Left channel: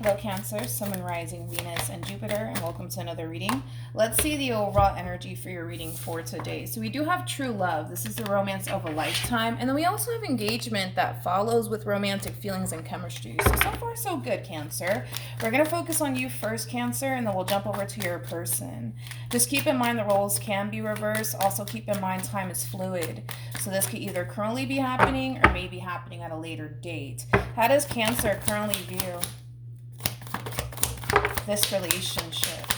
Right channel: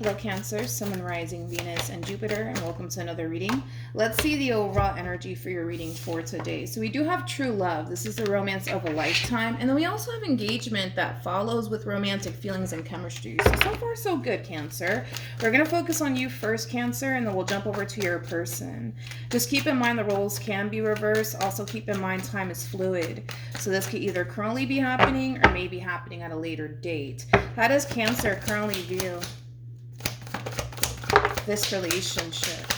Hello Cancer, Sun and Rising, Venus and Jupiter, and welcome to another reading. Let's see the overall energy for your reading for today. So we do have true love. This is the romance of a lifetime. And then we also have engagement that follows with romantic feelings and chemistry. So far so good, Cancer. We're going to focus on you first, Cancer, and then we'll jump over to your person. Just keep in mind the roles can be reversed. Also keep in mind time is fluid. So this could either currently be happening or maybe happening at a later date. How does Cancer currently view this relationship?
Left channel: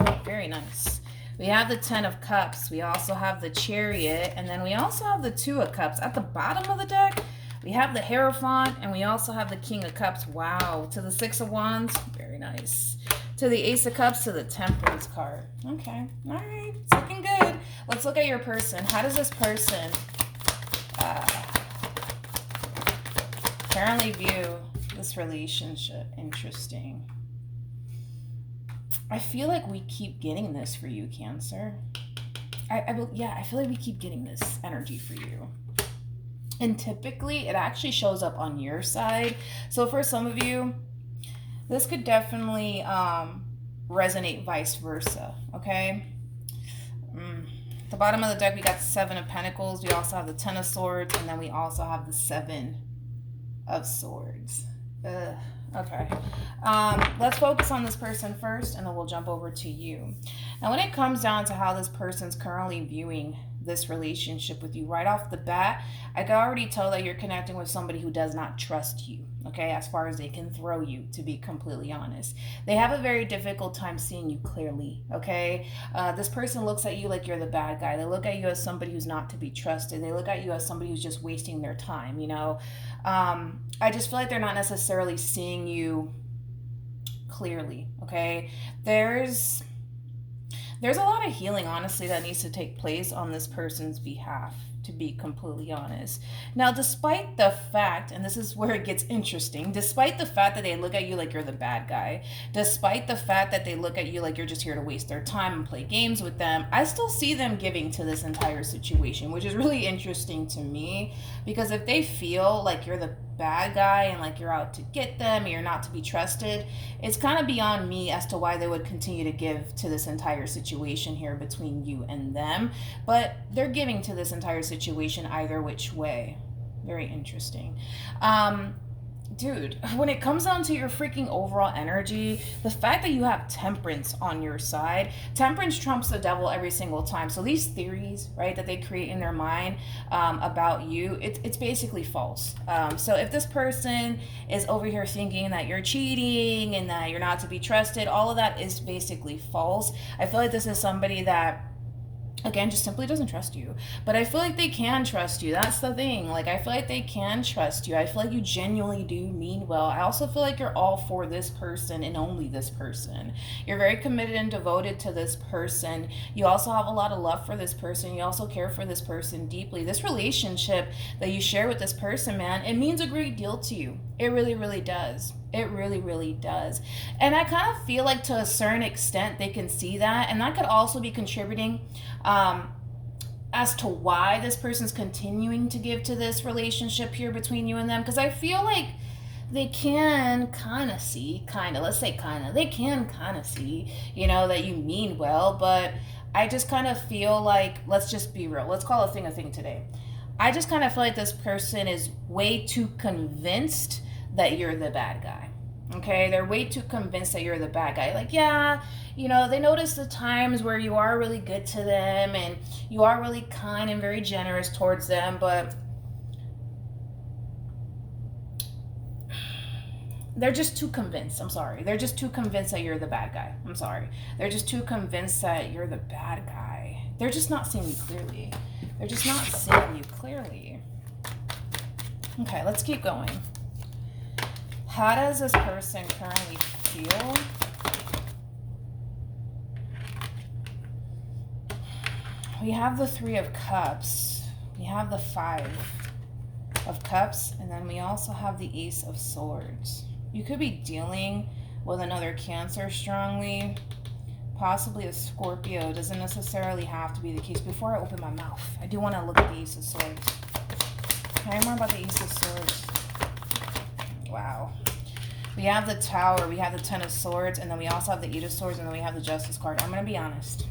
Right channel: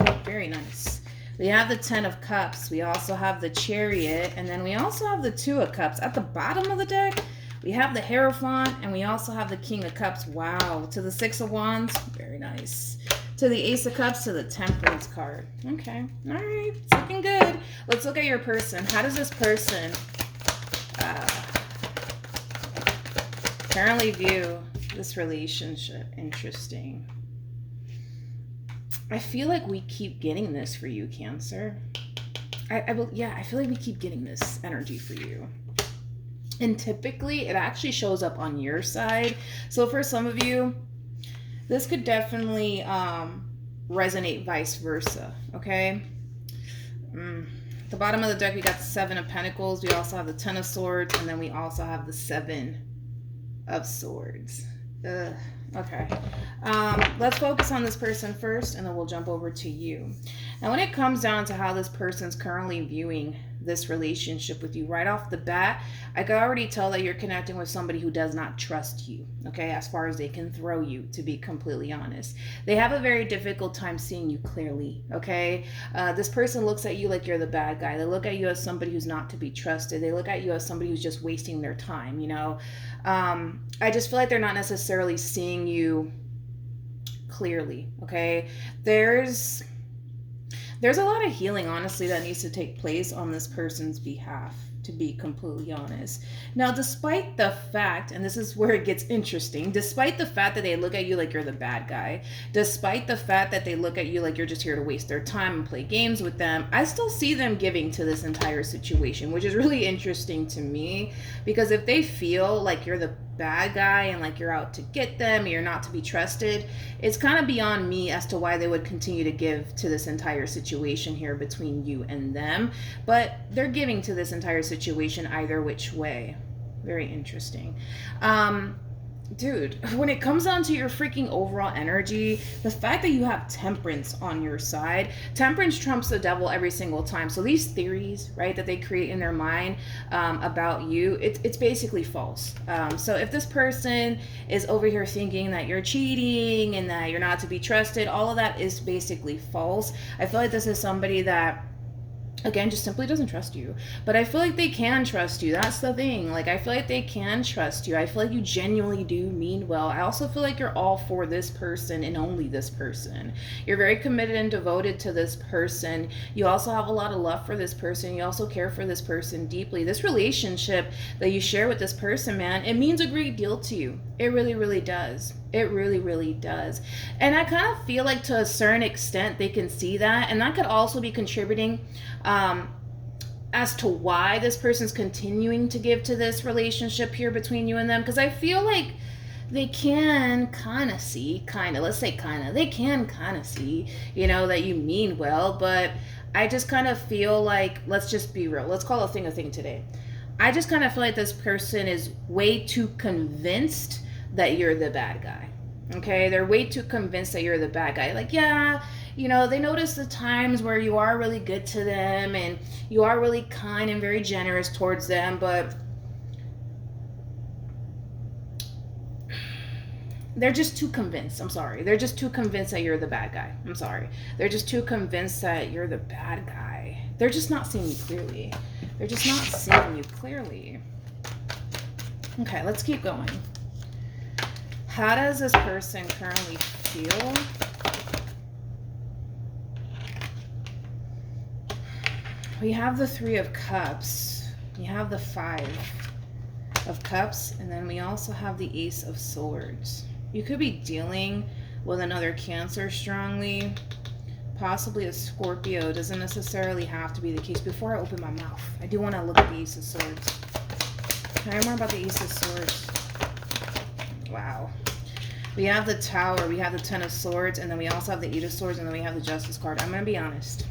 Oh, very nice. We have the 10 of Cups. We also have the Chariot. And then we also have the 2 of Cups. At the bottom of the deck, we have the Hierophant. And we also have the King of Cups. Wow. To the 6 of Wands. Very nice. To the Ace of Cups. To the Temperance card. Okay. All right. It's looking good. Let's look at your person. How does this person currently view this relationship? Interesting. I feel like we keep getting this for you, Cancer. I feel like we keep getting this energy for you. And typically, it actually shows up on your side. So for some of you, this could definitely resonate vice versa, okay? At the bottom of the deck, we got the 7 of Pentacles. We also have the 10 of Swords. And then we also have the 7 of Swords. Okay. Let's focus on this person first, and then we'll jump over to you. Now, when it comes down to how this person's currently viewing this relationship with you, right off the bat, I can already tell that you're connecting with somebody who does not trust you, okay, as far as they can throw you, to be completely honest. They have a very difficult time seeing you clearly, okay? This person looks at you like you're the bad guy. They look at you as somebody who's not to be trusted. They look at you as somebody who's just wasting their time, you know? I just feel like they're not necessarily seeing you clearly, okay? There's a lot of healing, honestly, that needs to take place on this person's behalf, to be completely honest. Now, despite the fact, and this is where it gets interesting, despite the fact that they look at you like you're the bad guy, despite the fact that they look at you like you're just here to waste their time and play games with them, I still see them giving to this entire situation, which is really interesting to me, because if they feel like you're the bad guy and like you're out to get them and you're not to be trusted, it's kind of beyond me as to why they would continue to give to this entire situation here between you and them. But they're giving to this entire situation either which way. Very interesting. Dude, when it comes down to your freaking overall energy, the fact that you have Temperance on your side, Temperance trumps the devil every single time. So these theories, right, that they create in their mind about you, it's basically false. So if this person is over here thinking that you're cheating and that you're not to be trusted, all of that is basically false. I feel like this is somebody that, again, just simply doesn't trust you. But I feel like they can trust you. That's the thing. Like, I feel like they can trust you. I feel like you genuinely do mean well. I also feel like you're all for this person and only this person. You're very committed and devoted to this person. You also have a lot of love for this person. You also care for this person deeply. This relationship that you share with this person, man, it means a great deal to you. It really, really does. It really, really does. And I kind of feel like to a certain extent they can see that. And that could also be contributing as to why this person's continuing to give to this relationship here between you and them. Because I feel like they can kind of see, they can kind of see, you know, that you mean well. But I just kind of feel like, let's just be real. Let's call a thing today. I just kind of feel like this person is way too convinced that you're the bad guy. Okay, they're way too convinced that you're the bad guy. Like, yeah, you know, they notice the times where you are really good to them and you are really kind and very generous towards them, but they're just too convinced. I'm sorry. They're just too convinced that you're the bad guy. I'm sorry. They're just too convinced that you're the bad guy. They're just not seeing you clearly. They're just not seeing you clearly. Okay, let's keep going. How does this person currently feel? We have the 3 of Cups. We have the 5 of Cups. And then we also have the Ace of Swords. You could be dealing with another Cancer strongly. Possibly a Scorpio. Doesn't necessarily have to be the case. Before I open my mouth, I do want to look at the Ace of Swords. Can I learn more about the Ace of Swords? Wow. We have the Tower, we have the Ten of Swords, and then we also have the Eight of Swords, and then we have the Justice card. I'm going to be honest.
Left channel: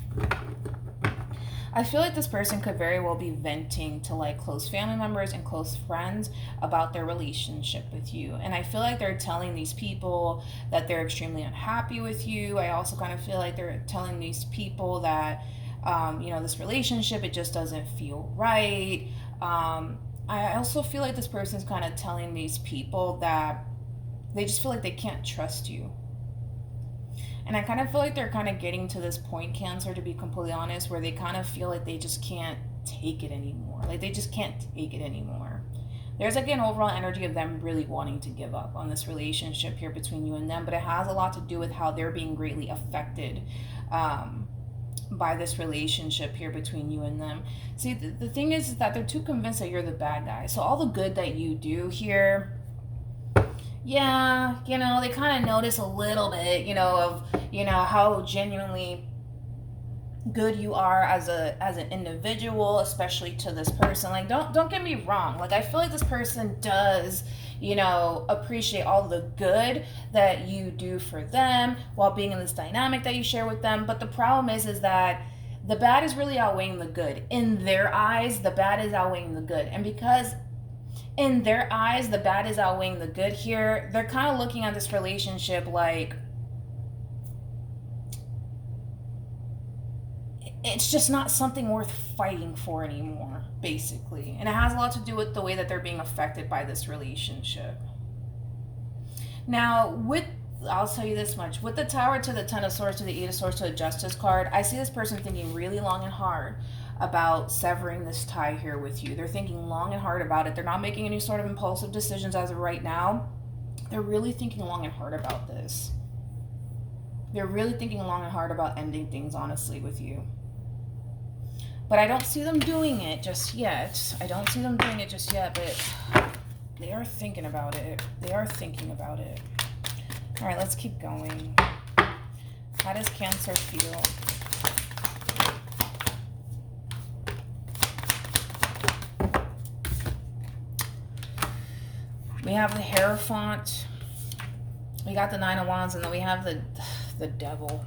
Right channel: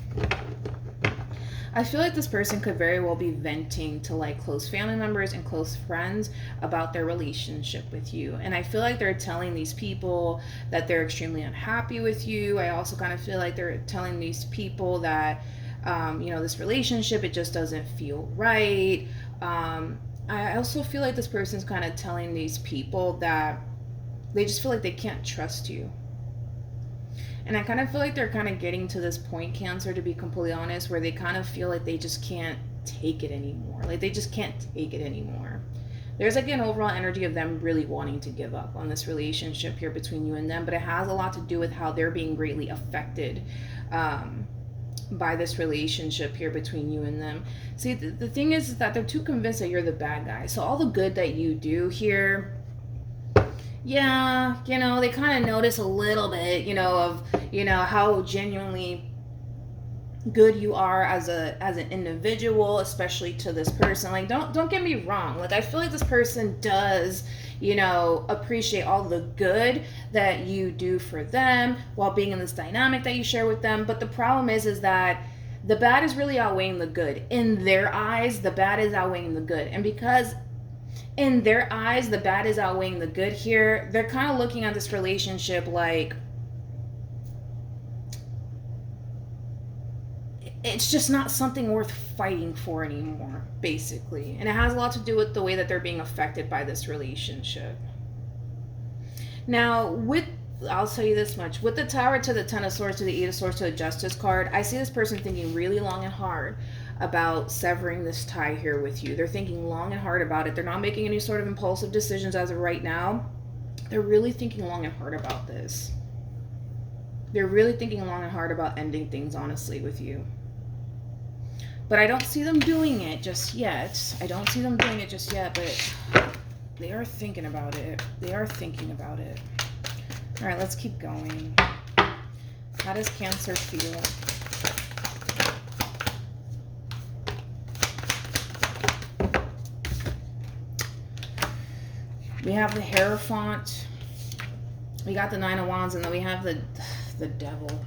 I feel like this person could very well be venting to like close family members and close friends about their relationship with you. And I feel like they're telling these people that they're extremely unhappy with you. I also kind of feel like they're telling these people that, this relationship, it just doesn't feel right. I also feel like this person's kind of telling these people that they just feel like they can't trust you. And I kind of feel like they're kind of getting to this point, Cancer, to be completely honest, where they kind of feel like they just can't take it anymore. Like they just can't take it anymore. There's like an overall energy of them really wanting to give up on this relationship here between you and them, but it has a lot to do with how they're being greatly affected by this relationship here between you and them. See, the thing is that they're too convinced that you're the bad guy. So all the good that you do here, yeah, they kind of notice a little bit, of, how genuinely good you are as an individual, especially to this person. Like, don't get me wrong. Like, I feel like this person does, appreciate all the good that you do for them while being in this dynamic that you share with them. But the problem is that the bad is really outweighing the good. In their eyes, the bad is outweighing the good. And because in their eyes, the bad is outweighing the good here, they're kind of looking at this relationship like it's just not something worth fighting for anymore, basically. And it has a lot to do with the way that they're being affected by this relationship. Now, I'll tell you this much. With the Tower to the Ten of Swords to the Eight of Swords to the Justice card, I see this person thinking really long and hard about severing this tie here with you. They're thinking long and hard about it. They're not making any sort of impulsive decisions as of right now. They're really thinking long and hard about this. They're really thinking long and hard about ending things, honestly, with you. But I don't see them doing it just yet. But they are thinking about it. All right, let's keep going. How does Cancer feel? We have the Hierophant. We got the Nine of Wands, and then we have the Devil.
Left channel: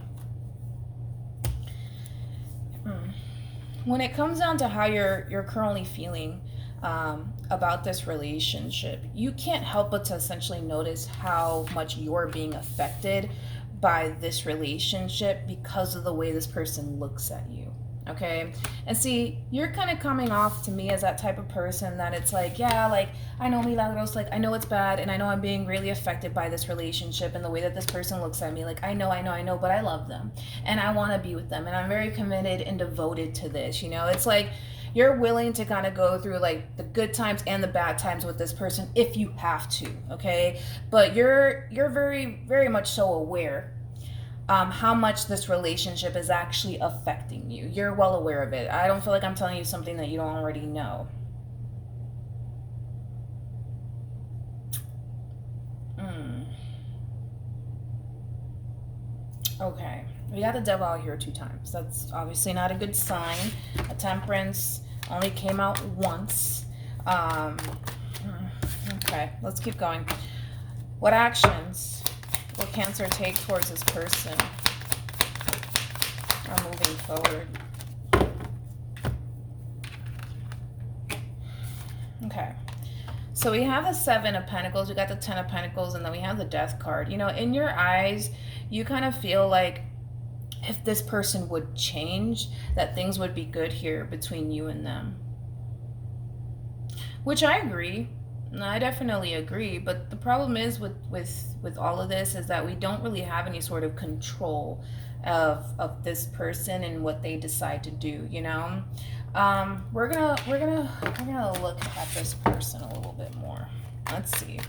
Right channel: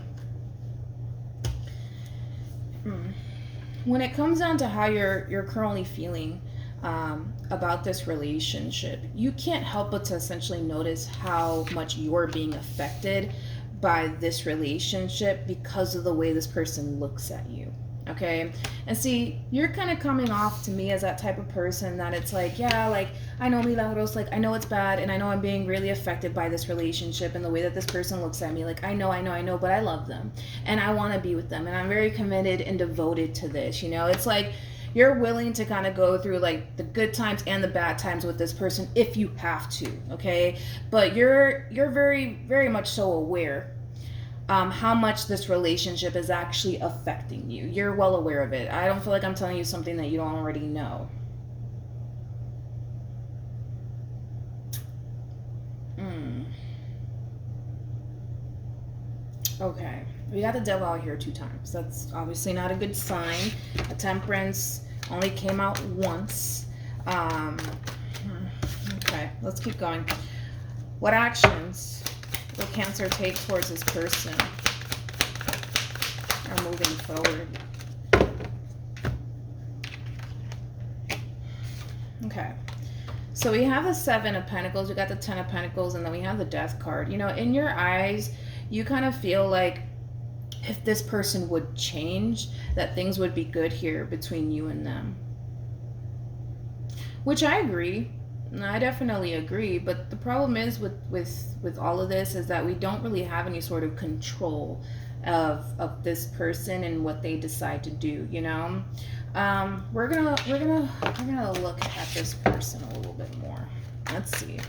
When it comes down to how you're currently feeling about this relationship, you can't help but to essentially notice how much you're being affected by this relationship because of the way this person looks at you. Okay, and see, you're kind of coming off to me as that type of person that it's like, yeah, like, I know Milagros, like, I know it's bad, and I know I'm being really affected by this relationship and the way that this person looks at me. Like, I know, but I love them, and I want to be with them, and I'm very committed and devoted to this, It's like, you're willing to kind of go through, like, the good times and the bad times with this person if you have to, okay? But you're very, very much so aware how much this relationship is actually affecting you. You're well aware of it. I don't feel like I'm telling you something that you don't already know. Okay. We got the Devil out here 2 times. That's obviously not a good sign. The Temperance only came out once. Okay, let's keep going. What actions will Cancer take towards this person are moving forward? Okay. So we have the 7 of Pentacles, we got the 10 of Pentacles, and then we have the Death card. In your eyes, you kind of feel like if this person would change, that things would be good here between you and them. Which I agree. I definitely agree, but the problem is with all of this is that we don't really have any sort of control of this person and what they decide to do. We're gonna look at this person a little bit more. Let's see.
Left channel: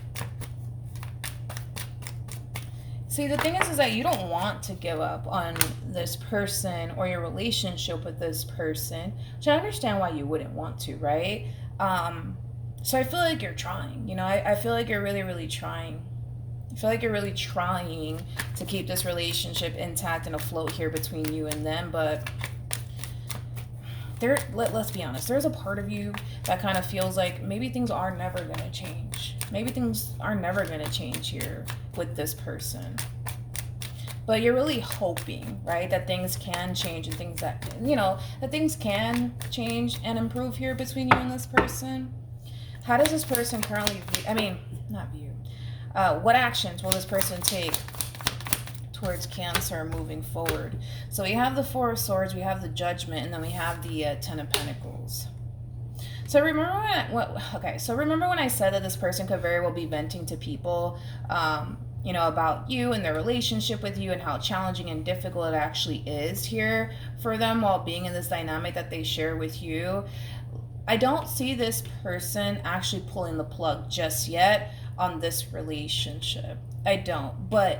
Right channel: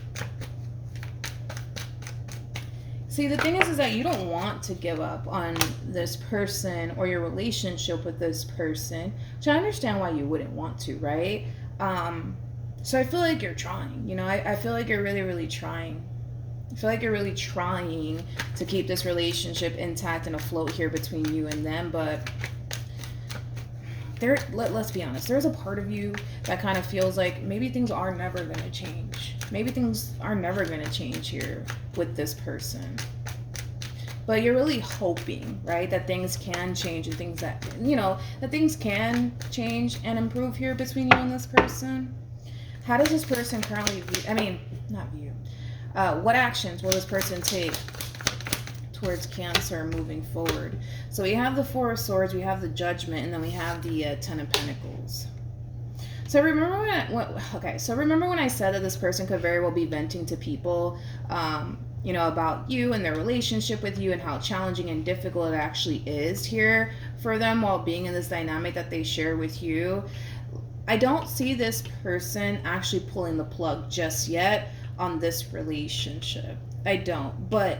See, the thing is that you don't want to give up on this person or your relationship with this person, which I understand why you wouldn't want to, right? So I feel like you're trying, I feel like you're really, really trying. I feel like you're really trying to keep this relationship intact and afloat here between you and them, but let's be honest, there's a part of you that kind of feels like maybe things are never going to change. Maybe things are never going to change here with this person. But you're really hoping, right, that things can change and things that, that things can change and improve here between you and this person. How does this person currently view, not view, what actions will this person take towards Cancer moving forward? So we have the Four of Swords, we have the Judgment, and then we have the Ten of Pentacles. So remember when I said that this person could very well be venting to people, about you and their relationship with you and how challenging and difficult it actually is here for them while being in this dynamic that they share with you. I don't see this person actually pulling the plug just yet on this relationship. I don't. But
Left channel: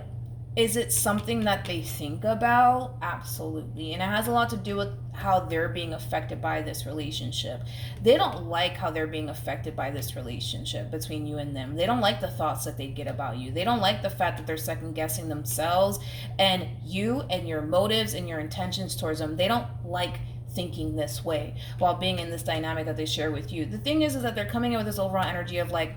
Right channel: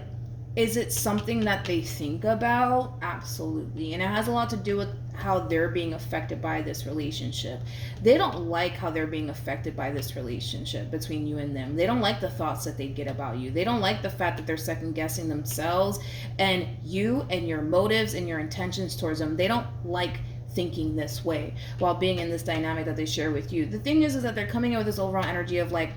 is it something that they think about? Absolutely. And it has a lot to do with how they're being affected by this relationship. They don't like how they're being affected by this relationship between you and them. They don't like the thoughts that they get about you. They don't like the fact that they're second guessing themselves and you and your motives and your intentions towards them. They don't like thinking this way while being in this dynamic that they share with you. The thing is that they're coming in with this overall energy of like,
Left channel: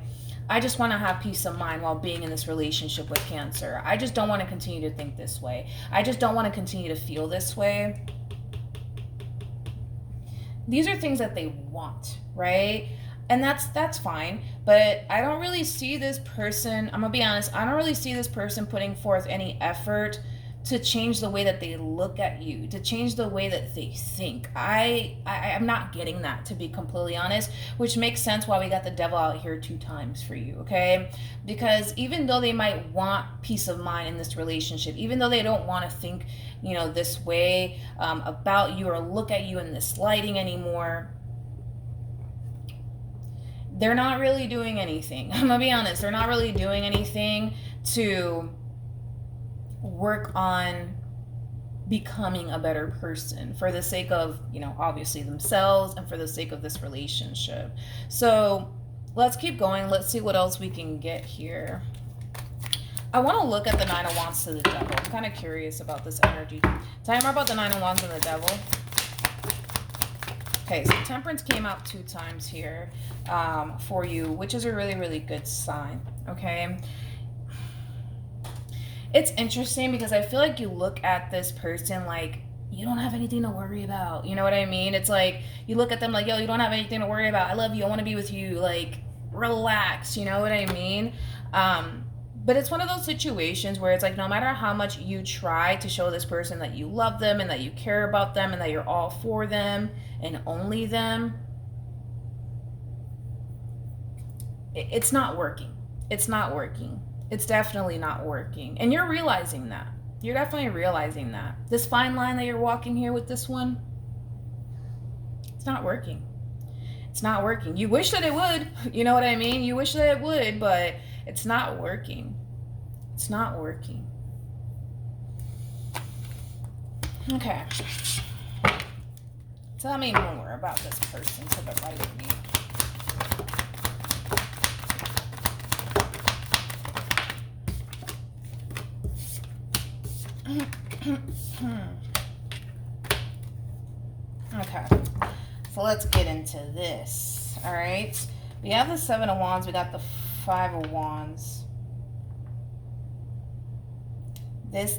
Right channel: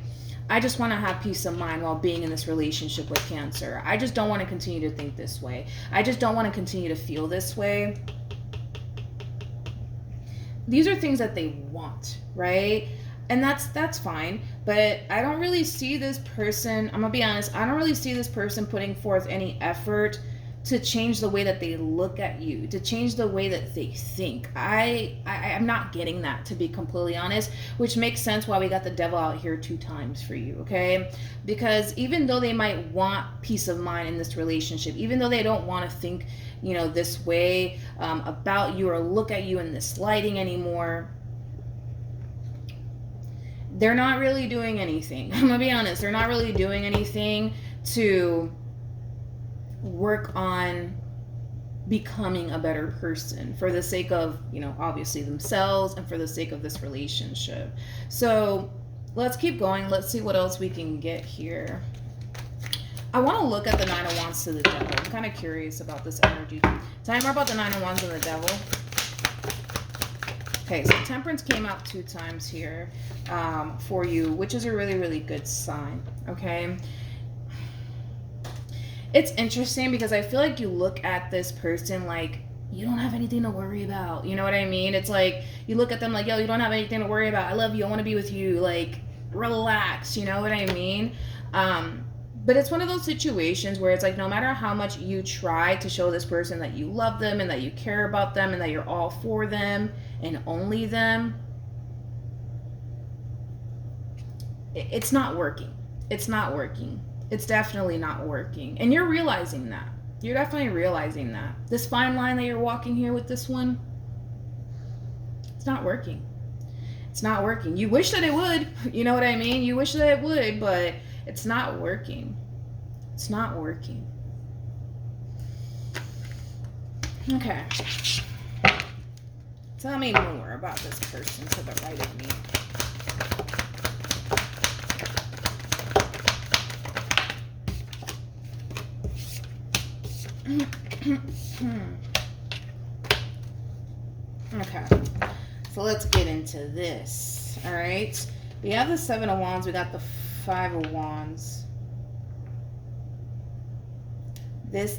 I just want to have peace of mind while being in this relationship with Cancer. I just don't want to continue to think this way. I just don't want to continue to feel this way. These are things that they want, right? And that's fine. But I don't really see this person, I'm going to be honest, I don't really see this person putting forth any effort to change the way that they look at you, to change the way that they think. I'm not getting that, to be completely honest, which makes sense why we got the Devil out here 2 times for you, okay? Because even though they might want peace of mind in this relationship, even though they don't want to think, this way about you or look at you in this lighting anymore, they're not really doing anything. I'm gonna be honest, they're not really doing anything to work on becoming a better person for the sake of, obviously themselves and for the sake of this relationship. So let's keep going. Let's see what else we can get here. I want to look at the Nine of Wands to the Devil. I'm kind of curious about this energy. Tell me more about the Nine of Wands and the Devil. Okay, so Temperance came out 2 times here for you, which is a really, really good sign, okay? It's interesting because I feel like you look at this person like you don't have anything to worry about. You know what I mean? It's like you look at them like, yo, you don't have anything to worry about. I love you. I want to be with you. Like, relax. You know what I mean? But it's one of those situations where it's like no matter how much you try to show this person that you love them and that you care about them and that you're all for them and only them, it's not working. It's not working. It's definitely not working. And you're realizing that. You're definitely realizing that. This fine line that you're walking here with this one, it's not working. It's not working. You wish that it would. You know what I mean? You wish that it would, but it's not working. It's not working. Okay. Tell me more about this person to the right of me. Okay, so let's get into this. All right, we have the Seven of Wands, we got the Five of Wands. This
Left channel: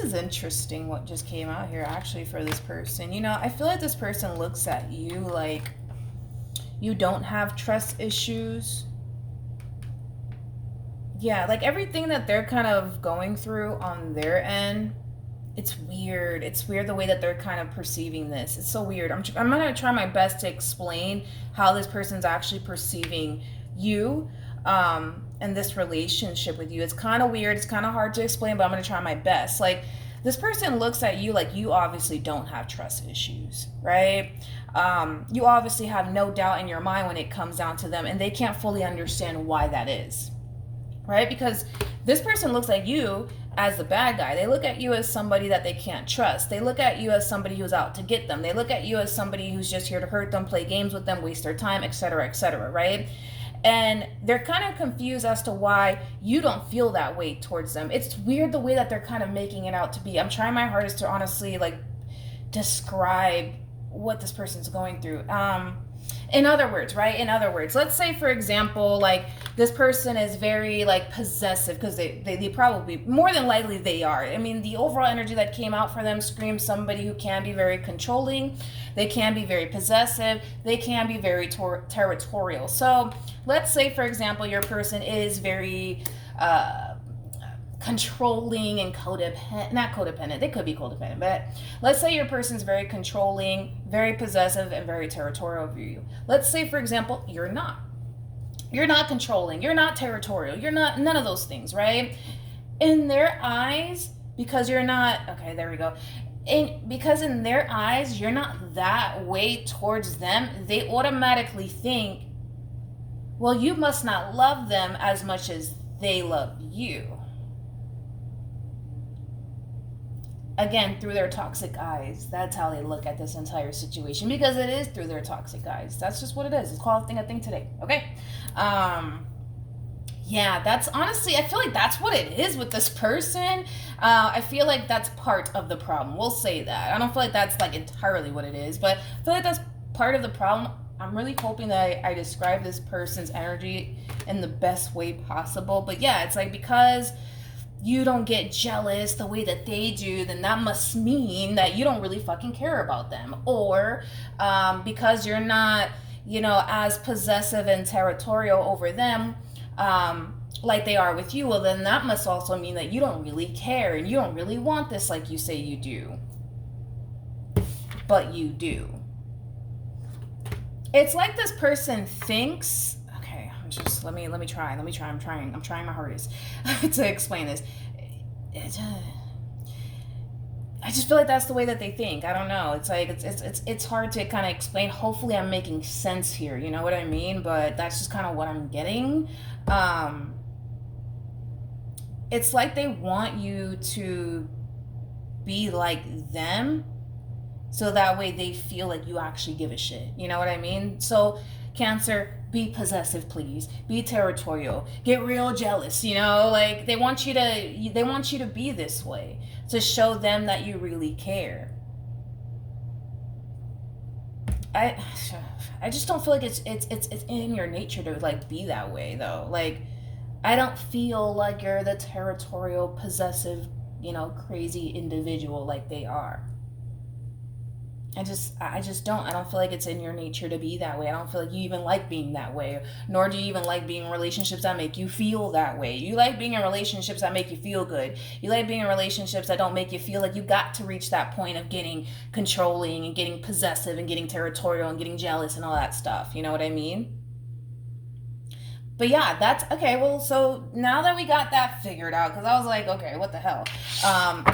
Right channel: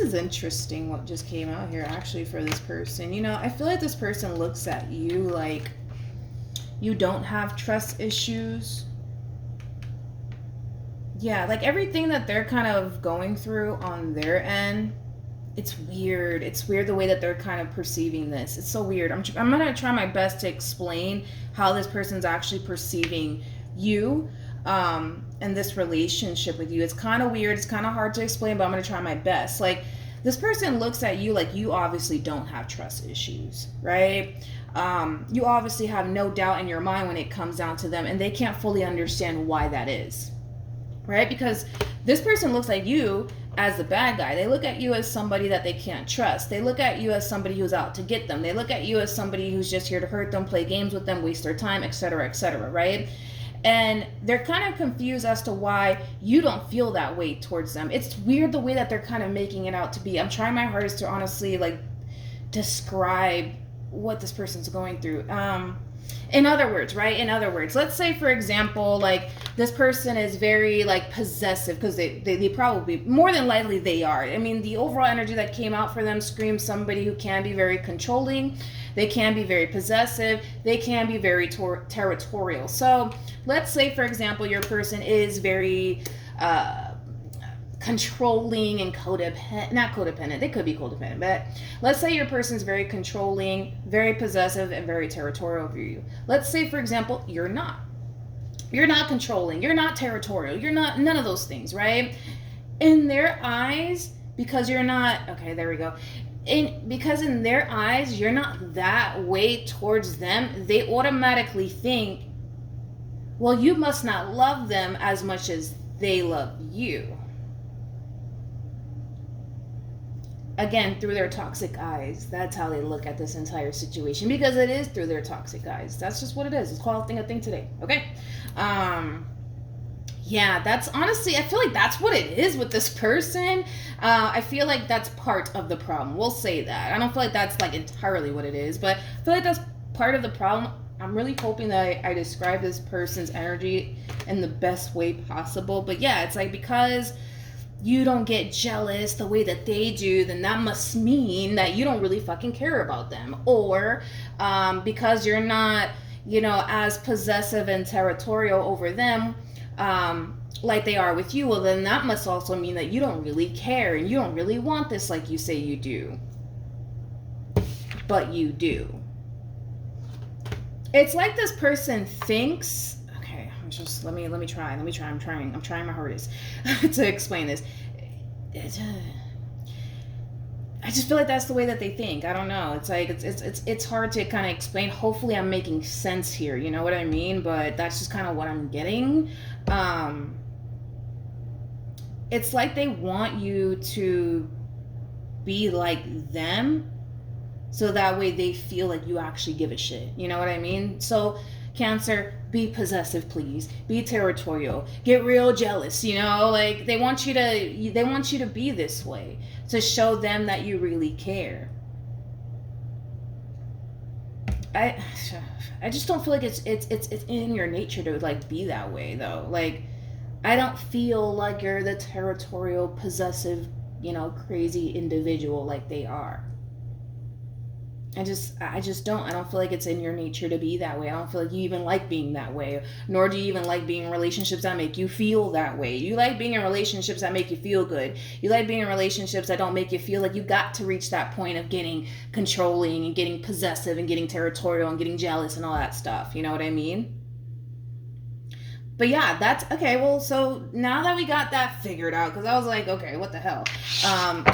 is interesting what just came out here actually for this person. I feel like this person looks at you like you don't have trust issues. Yeah, like everything that they're kind of going through on their end, it's weird. It's weird the way that they're kind of perceiving this. It's so weird. I'm going to try my best to explain how this person's actually perceiving you and this relationship with you. It's kind of weird. It's kind of hard to explain, but I'm going to try my best. Like, this person looks at you like you obviously don't have trust issues, right? You obviously have no doubt in your mind when it comes down to them, and they can't fully understand why that is. Right? Because this person looks at you as the bad guy. They look at you as somebody that they can't trust. They look at you as somebody who's out to get them. They look at you as somebody who's just here to hurt them, play games with them, waste their time, etc., right? And they're kind of confused as to why you don't feel that way towards them. It's weird the way that they're kind of making it out to be. I'm trying my hardest to honestly, like, describe what this person's going through. In other words, right? In other words, let's say, for example, like this person is very like possessive, because they probably, more than likely they are. I mean, the overall energy that came out for them screams somebody who can be very controlling. They can be very possessive. They can be very territorial. So let's say, for example, your person is very controlling and codependent, not codependent, they could be codependent, but let's say your person's very controlling, very possessive, and very territorial over you. Let's say, for example, you're not controlling, you're not territorial, you're not none of those things, right? In their eyes, because you're not, okay, there we go. Because in their eyes, you're not that way towards them, they automatically think, well, you must not love them as much as they love you. Again, through their toxic eyes. That's how they look at this entire situation, because it is through their toxic eyes. That's just what it is. It's called a thing today. Okay. Yeah, that's honestly, I feel like that's what it is with this person. I feel like that's part of the problem. We'll say that. I don't feel like that's like entirely what it is, but I feel like that's part of the problem. I'm really hoping that I describe this person's energy in the best way possible. But yeah, it's like, because you don't get jealous the way that they do, then that must mean that you don't really fucking care about them. Or because you're not, as possessive and territorial over them like they are with you, well, then that must also mean that you don't really care and you don't really want this like you say you do. But you do. It's like this person thinks, let me try. I'm trying my hardest to explain this. I just feel like that's the way that they think. I don't know. It's like it's hard to kind of explain. Hopefully I'm making sense here. You know what I mean? But that's just kind of what I'm getting. It's like they want you to be like them, so that way they feel like you actually give a shit. You know what I mean? So Cancer, be possessive, please. Be territorial. Get real jealous, like they want you to be this way to show them that you really care. I just don't feel like it's in your nature to like be that way though. Like, I don't feel like you're the territorial, possessive, crazy individual like they are. I just don't. I don't feel like it's in your nature to be that way. I don't feel like you even like being that way. Nor do you even like being in relationships that make you feel that way. You like being in relationships that make you feel good. You like being in relationships that don't make you feel like you got to reach that point of getting controlling and getting possessive and getting territorial and getting jealous and all that stuff. You know what I mean? But yeah, that's okay. Well, so now that we got that figured out, because I was like, okay, what the hell?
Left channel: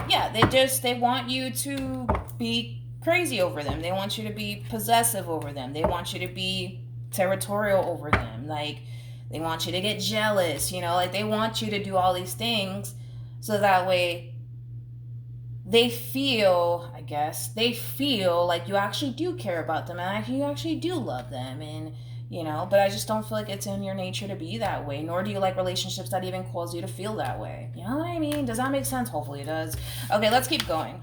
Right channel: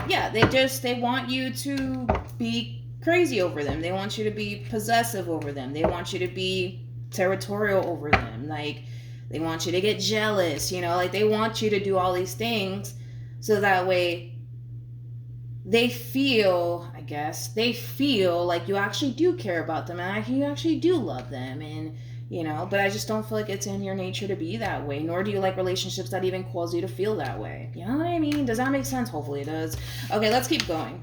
Yeah, they want you to be crazy over them. They want you to be possessive over them. They want you to be territorial over them. Like, they want you to get jealous, like they want you to do all these things so that way they feel like you actually do care about them and you actually do love them. And but I just don't feel like it's in your nature to be that way, nor do you like relationships that even cause you to feel that way. You know what I mean? Does that make sense? Hopefully it does. Okay, let's keep going.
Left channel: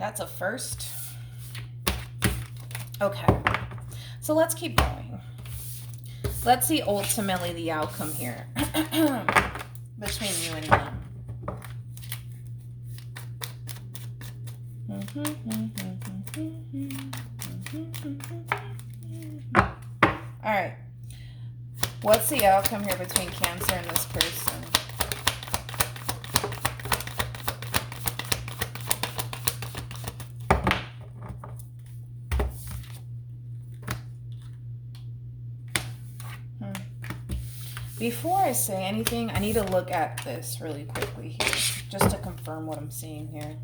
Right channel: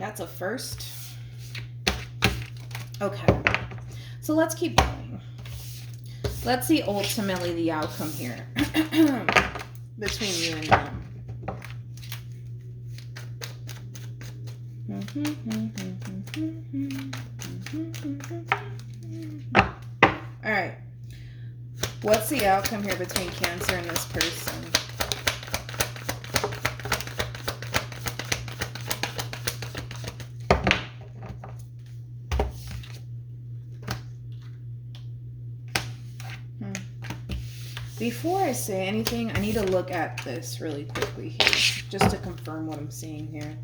That's a first. Okay, so let's keep going. Let's see ultimately the outcome here between you and them. All right. What's the outcome here between Cancer and this person? Before I say anything, I need to look at this really quickly here, just to confirm what I'm seeing here.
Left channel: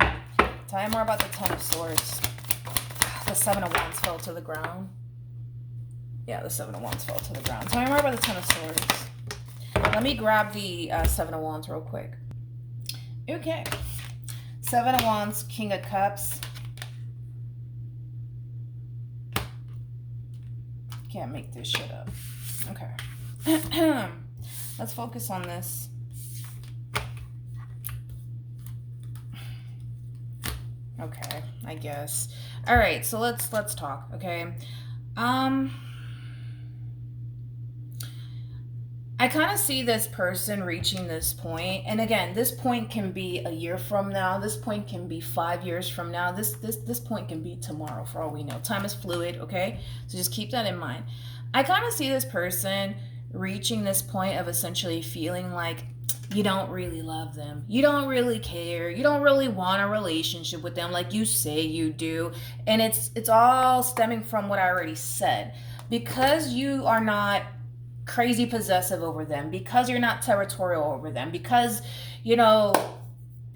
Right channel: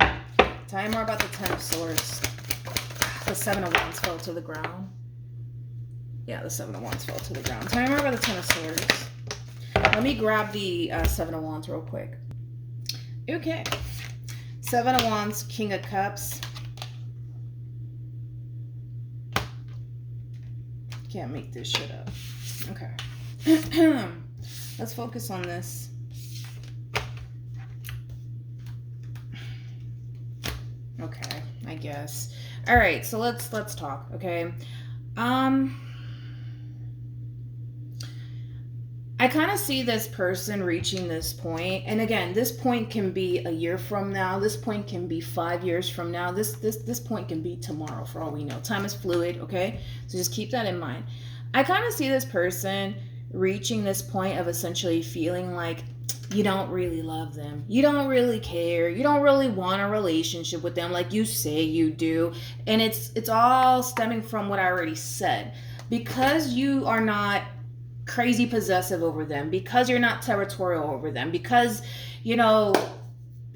Tell me more about the Ten of Swords. The Seven of Wands fell to the ground. Yeah, the Seven of Wands fell to the ground. Tell me more about the Ten of Swords. Let me grab the Seven of Wands real quick. Okay. Seven of Wands, King of Cups. Can't make this shit up. Okay. Let's focus on this. Okay, I All right, so let's talk, okay? I kind of see this person reaching this point, and again, this point can be a year from now. This point can be 5 years from now. This point can be tomorrow, for all we know. Time is fluid, okay? So just keep that in mind. I kind of see this person reaching this point of essentially feeling like you don't really love them, you don't really care, you don't really want a relationship with them like you say you do, and it's all stemming from what I already said. Because you are not crazy possessive over them, because you're not territorial over them, because you know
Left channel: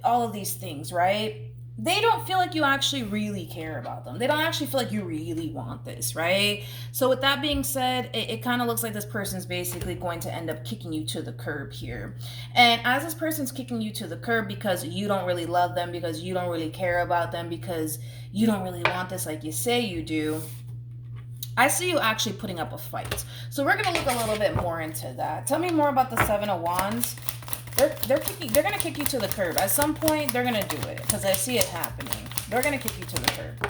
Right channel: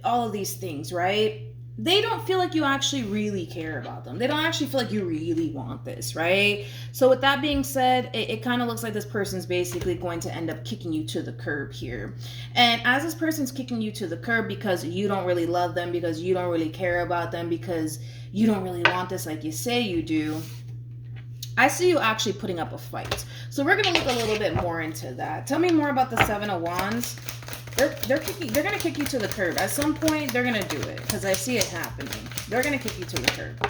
all of these things, right? They don't feel like you actually really care about them. They don't actually feel like you really want this, right? So with that being said, it kind of looks like this person's basically going to end up kicking you to the curb here. And as this person's kicking you to the curb because you don't really love them, because you don't really care about them, because you don't really want this like you say you do, I see you actually putting up a fight. So we're going to look a little bit more into that. Tell me more about the Seven of Wands. They're gonna kick you to the curb. At some point, they're gonna do it because I see it happening. They're gonna kick you to the curb.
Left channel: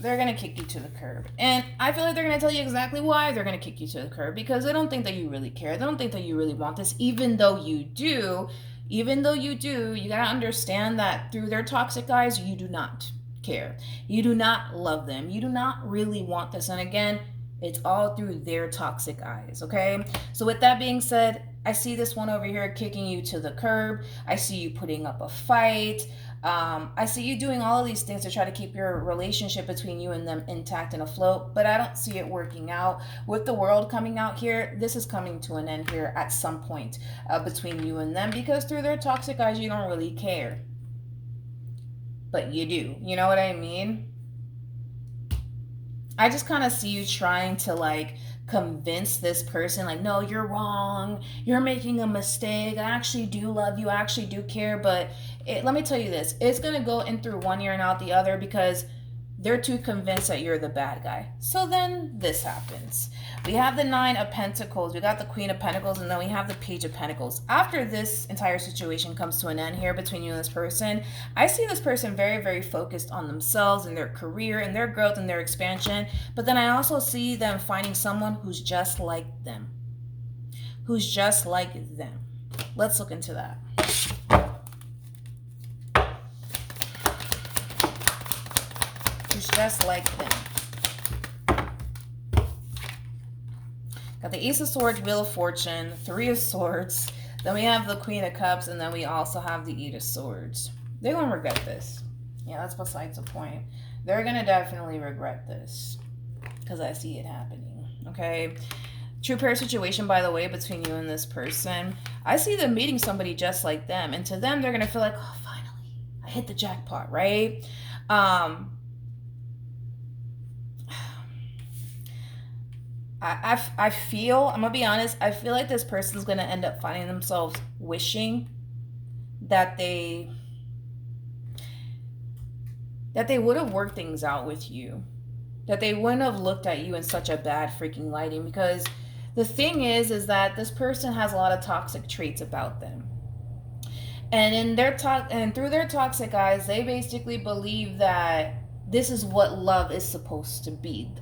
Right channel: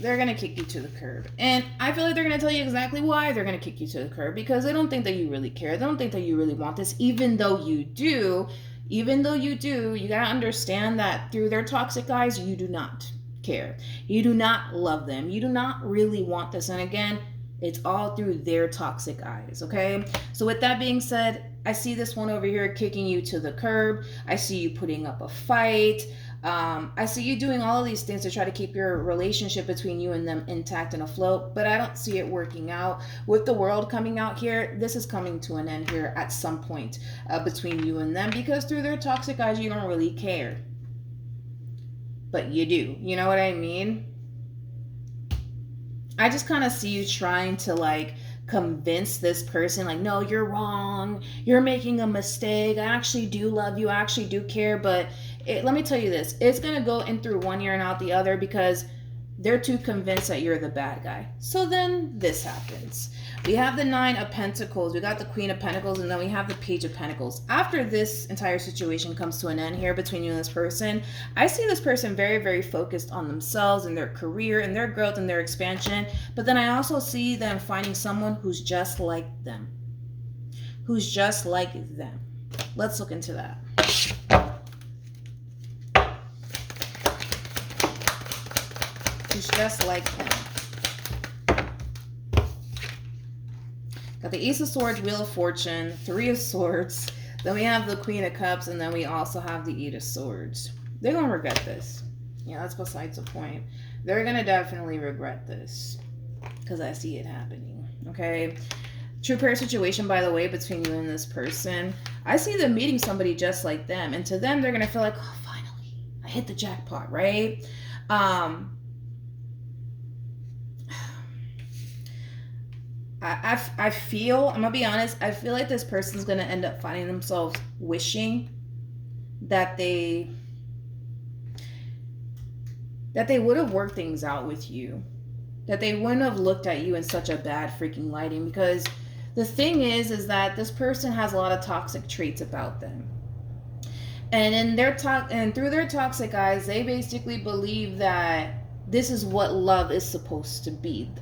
They're gonna kick you to the curb, and I feel like they're gonna tell you exactly why they're gonna kick you to the curb, because they don't think that you really care. They don't think that you really want this, even though you do. Even though you do, you gotta understand that through their toxic eyes, you do not care. You do not love them. You do not really want this, and again, it's all through their toxic eyes, okay? So with that being said, I see this one over here kicking you to the curb. I see you putting up a fight. I see you doing all of these things to try to keep your relationship between you and them intact and afloat, but I don't see it working out. With the world coming out here, this is coming to an end here at some point between you and them, because through their toxic eyes, you don't really care. But you do. You know what I mean? I just kind of see you trying to like convince this person like, no, you're wrong, you're making a mistake, I actually do love you, I actually do care, but let me tell you this, it's gonna go in through one ear and out the other, because they're too convinced that you're the bad guy. So then this happens. We have the Nine of Pentacles, we got the Queen of Pentacles, and then we have the Page of Pentacles. After this entire situation comes to an end here between you and this person, I see this person very, very focused on themselves and their career and their growth and their expansion. But then I also see them finding someone who's just like them. Who's just like them. Let's look into that. Who's just like them. Got the Ace of Swords, Wheel of Fortune, Three of Swords, then we have the Queen of Cups, and then we also have the Eight of Swords. They're going to regret this. Yeah, that's besides the point. They're going to definitely regret this, because I see it happening, okay? True pair situation, by the way, between you and this person. I see them meeting somebody just like them, and to them, they're going to feel like, oh, finally, I hit the jackpot, right? I feel, I'm gonna be honest, I feel like this person's gonna end up finding themselves wishing that they would have worked things out with you, that they wouldn't have looked at you in such a bad freaking lighting, because the thing is that this person has a lot of toxic traits about them, and in their through their toxic eyes, they basically believe that this is what love is supposed to be.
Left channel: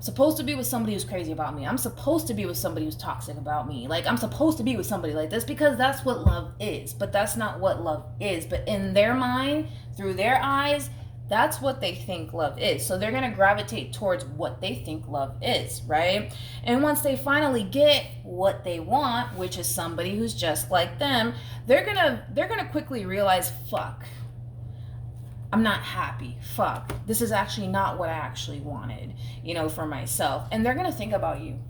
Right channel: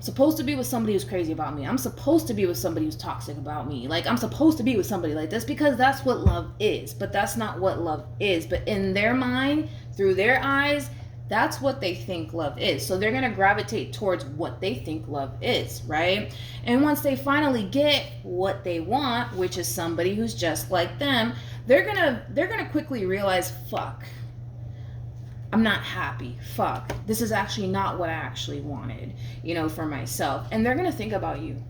Supposed to be with somebody who's crazy about me. I'm supposed to be with somebody who's toxic about me. Like, I'm supposed to be with somebody like this because that's what love is. But that's not what love is. But in their mind, through their eyes, that's what they think love is. So they're going to gravitate towards what they think love is, right? And once they finally get what they want, which is somebody who's just like them, they're going to quickly realize, fuck, I'm not happy. Fuck. This is actually not what I actually wanted, for myself. And they're going to think about you.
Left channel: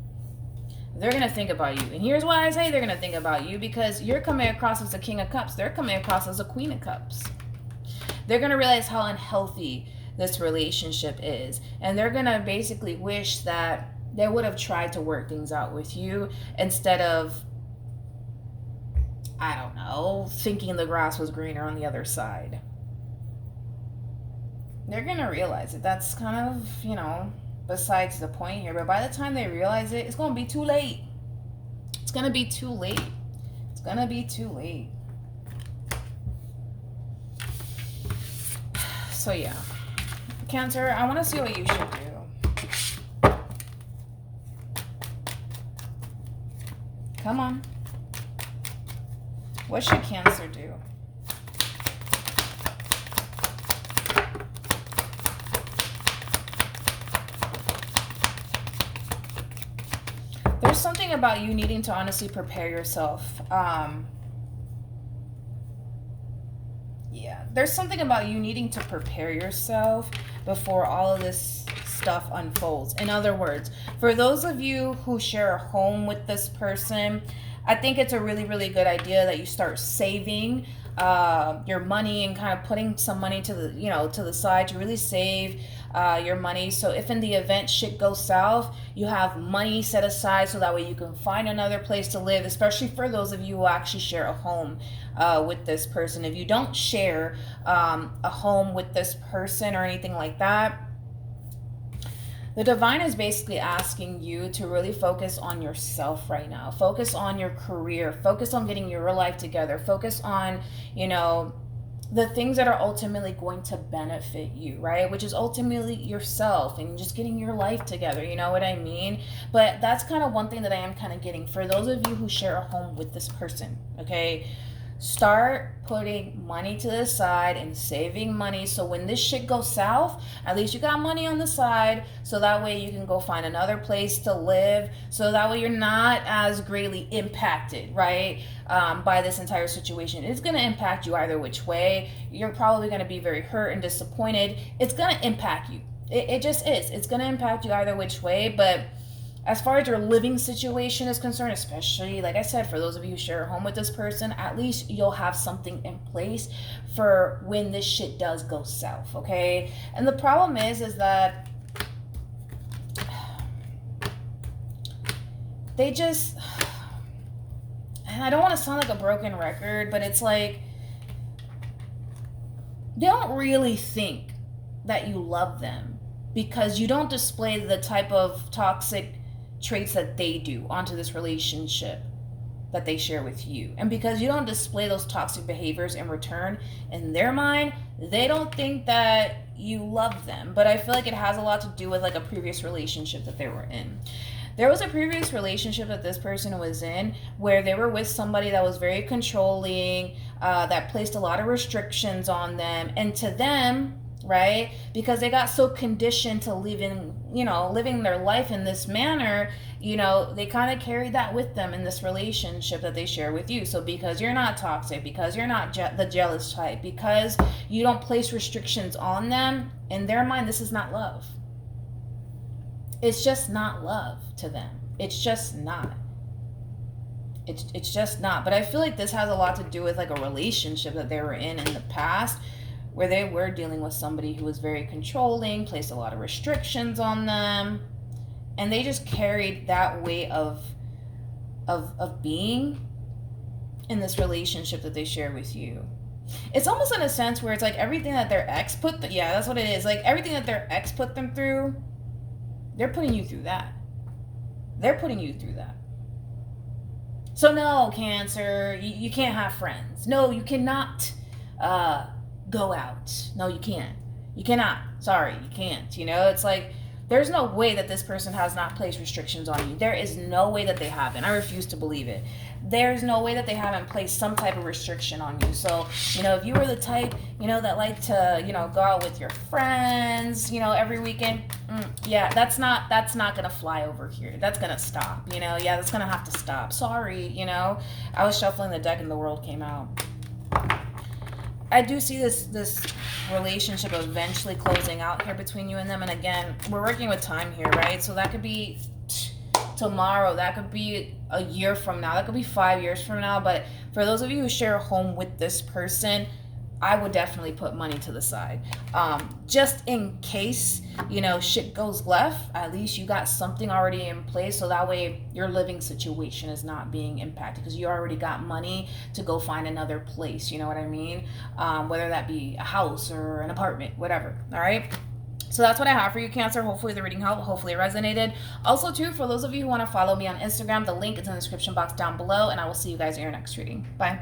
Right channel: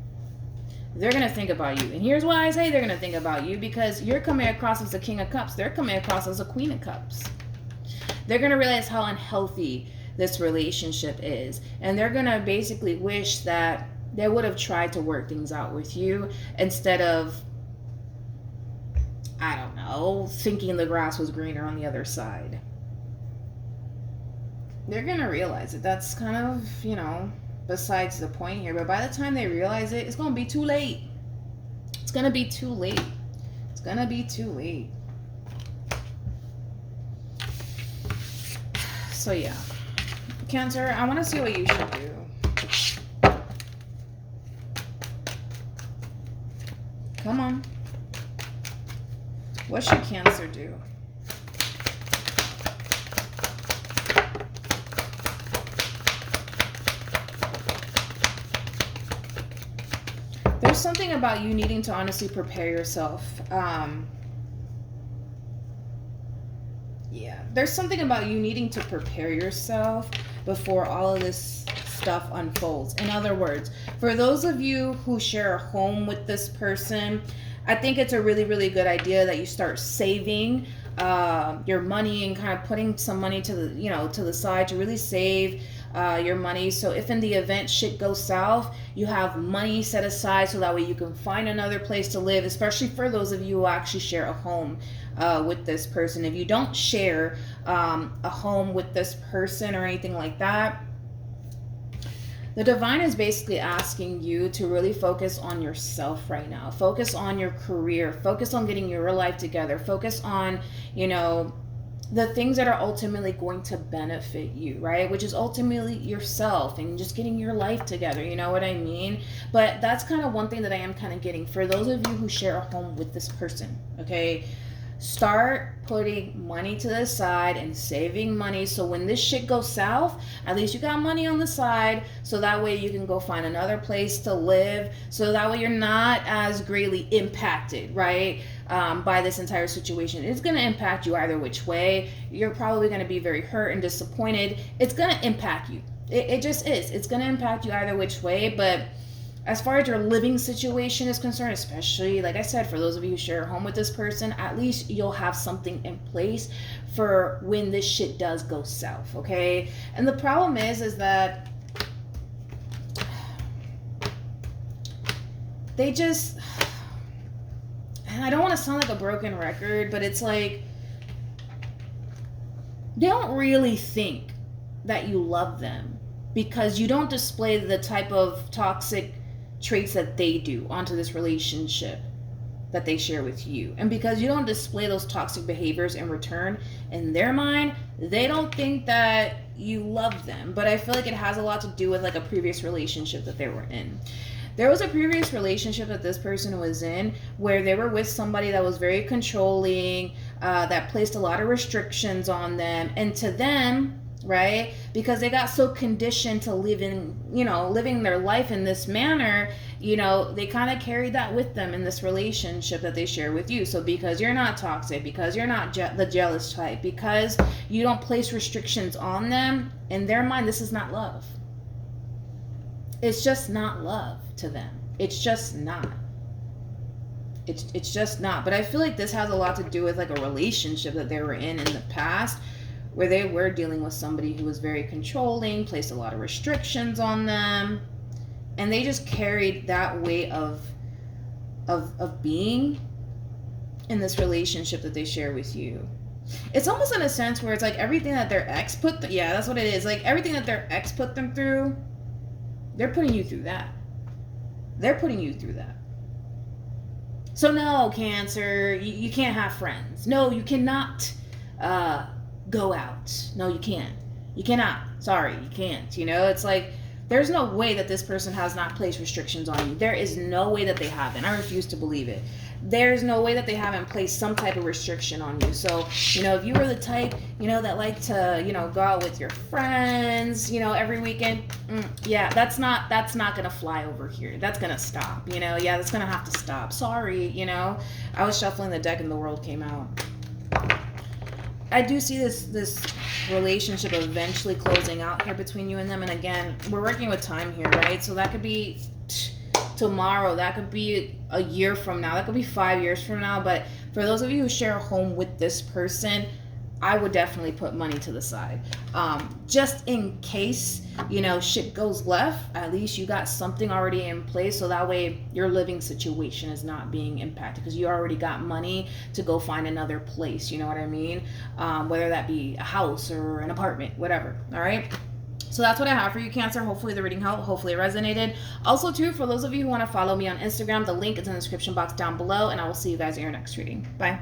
They're going to think about you. And here's why I say they're going to think about you, because you're coming across as a King of Cups. They're coming across as a Queen of Cups. They're going to realize how unhealthy this relationship is. And they're going to basically wish that they would have tried to work things out with you instead of, I don't know, thinking the grass was greener on the other side. They're going to realize it. That's kind of, besides the point here. But by the time they realize it, it's going to be too late. It's going to be too late. It's going to be too late. So yeah, Cancer, I want to see what you should do. Come on. What should Cancer do? There's something about you needing to honestly prepare yourself. Yeah, there's something about you needing to prepare yourself before all of this stuff unfolds. In other words, for those of you who share a home with this person, I think it's a really, really good idea that you start saving your money and kind of putting some money to the side to really save your money. So if in the event shit goes south, you have money set aside so that way you can find another place to live, especially for those of you who actually share a home with this person. If you don't share a home with this person or anything like that, the divine is basically asking you to really focus on yourself right now. Focus on your career. Focus on getting your life together. Focus on, the things that are ultimately going to benefit you, right? Which is ultimately yourself and just getting your life together. You know what I mean? But that's kind of one thing that I am kind of getting for those of you who share a home with this person, okay? Start putting money to the side and saving money so when this shit goes south, at least you got money on the side so that way you can go find another place to live, so that way you're not as greatly impacted, right, by this entire situation. It's going to impact you either which way. You're probably going to be very hurt and disappointed. It's going to impact you. It just is. It's going to impact you either which way, but as far as your living situation is concerned, especially, like I said, for those of you who share a home with this person, at least you'll have something in place for when this shit does go south, okay? And the problem is that they just, and I don't want to sound like a broken record, but it's like, they don't really think that you love them because you don't display the type of toxic traits that they do onto this relationship that they share with you. And because you don't display those toxic behaviors in return, in their mind, they don't think that you love them. But I feel like it has a lot to do with like a previous relationship that they were in. There was a previous relationship that this person was in where they were with somebody that was very controlling, that placed a lot of restrictions on them. And to them, right, because they got so conditioned to living their life in this manner, they kind of carried that with them in this relationship that they share with you. So because you're not toxic, because you're not the jealous type, because you don't place restrictions on them, in their mind, this is not love. It's just not love to them. It's just not. It's just not. But I feel like this has a lot to do with like a relationship that they were in the past, where they were dealing with somebody who was very controlling, placed a lot of restrictions on them, and they just carried that weight of being in this relationship that they share with you. It's almost in a sense where it's like everything that their ex that's what it is. Like everything that their ex put them through, they're putting you through that. They're putting you through that. So no, Cancer, you can't have friends. No, you cannot go out. No, you can't. You cannot. Sorry, you can't. It's like there's no way that this person has not placed restrictions on you. There is no way that they haven't. I refuse to believe it. There's no way that they haven't placed some type of restriction on you. So, if you were the type, that like to, go out with your friends, every weekend, that's not going to fly over here. That's going to stop, that's going to have to stop. Sorry, I was shuffling the deck and the world came out. I do see this relationship eventually closing out here between you and them. And again, we're working with time here, right? So that could be tomorrow. That could be a year from now. That could be 5 years from now. But for those of you who share a home with this person, I would definitely put money to the side. Just in case, shit goes left, at least you got something already in place so that way your living situation is not being impacted because you already got money to go find another place, you know what I mean? Whether that be a house or an apartment, whatever, all right? So that's what I have for you, Cancer. Hopefully the reading helped. Hopefully it resonated. Also, too, for those of you who want to follow me on Instagram, the link is in the description box down below, and I will see you guys in your next reading. Bye.